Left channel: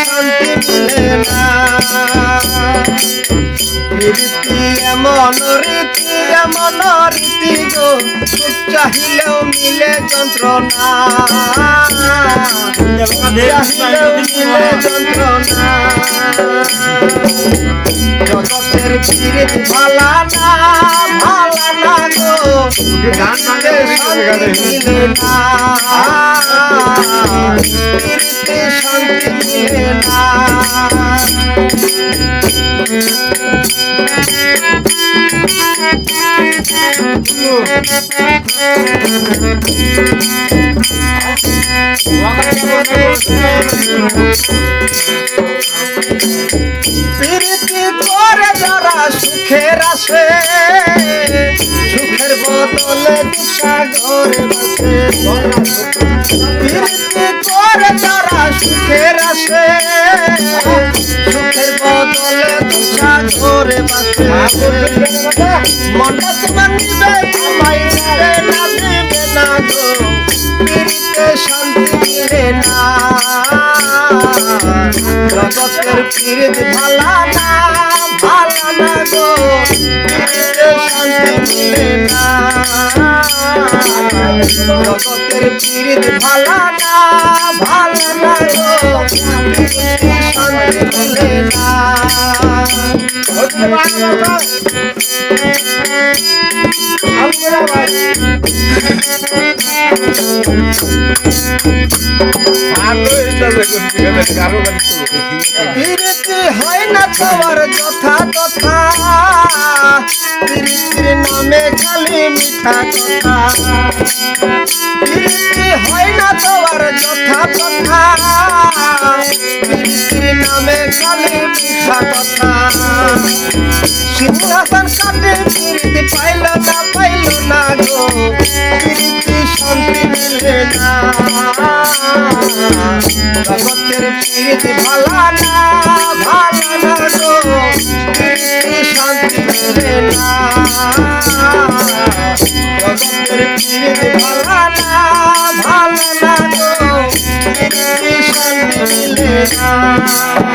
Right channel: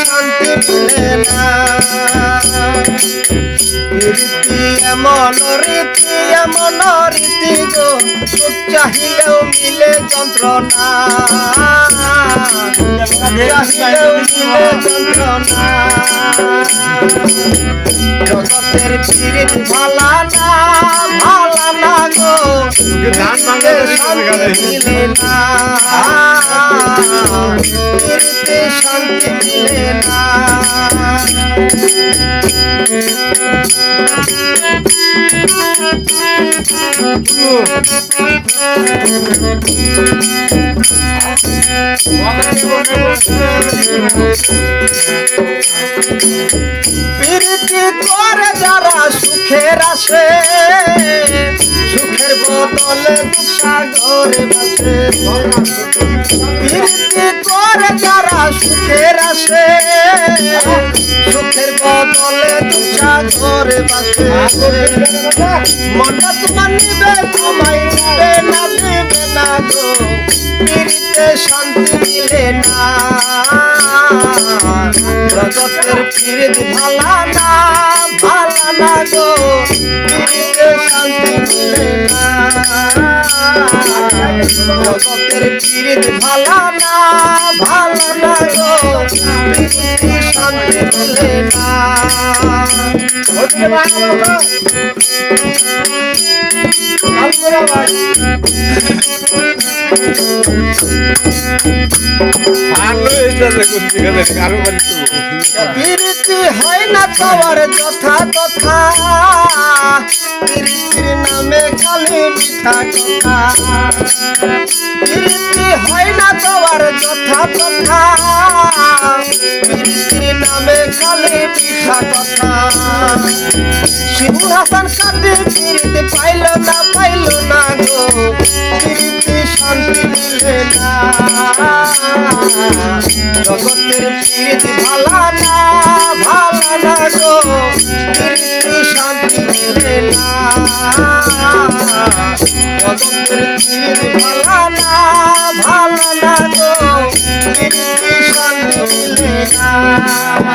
শান্তি রীতি এমন রীতি এমন রীতি গো চাহিলেও মিলে যন্ত্রণা চাহিলেও মিলে যন্ত্রণা জগতের পীড়িত ভালা না ভালা না গো পীড়িতে শান্তি মিলে না পীড়িতে শান্তি মিলে না প্রীতি করে যারা সুখের আসে সুখের বদলে সাগরে বাসে। সুখের বদলে সাগরে বাসে মনটা তোমার নিবে তোমায় নিবে না নিবে না গো প্রীতিতে শান্তি মিলে না। জগতের পীড়িত ভালা না ভালা না গো পীড়িতে শান্তি মিলে না। জগতের পীড়িত ভালা না ভালা না গো পীড়িতে মিলে না প্রীতি হয় না তোমার যথা তথা। প্রীতির নামে খালি মিঠা কথা। হয় না তোমার যথা তথা। নামে খালি মিঠা কথা। সিংহাসন কাটে প্রীতি পাইল না পাইল না গো। প্রীতি শান্তি মিলে না। জগতের প্রীতি ভালা না ভালা না গো। প্রীতি শান্তি মিলে না। জগতের প্রীতি ভালা না ভালা না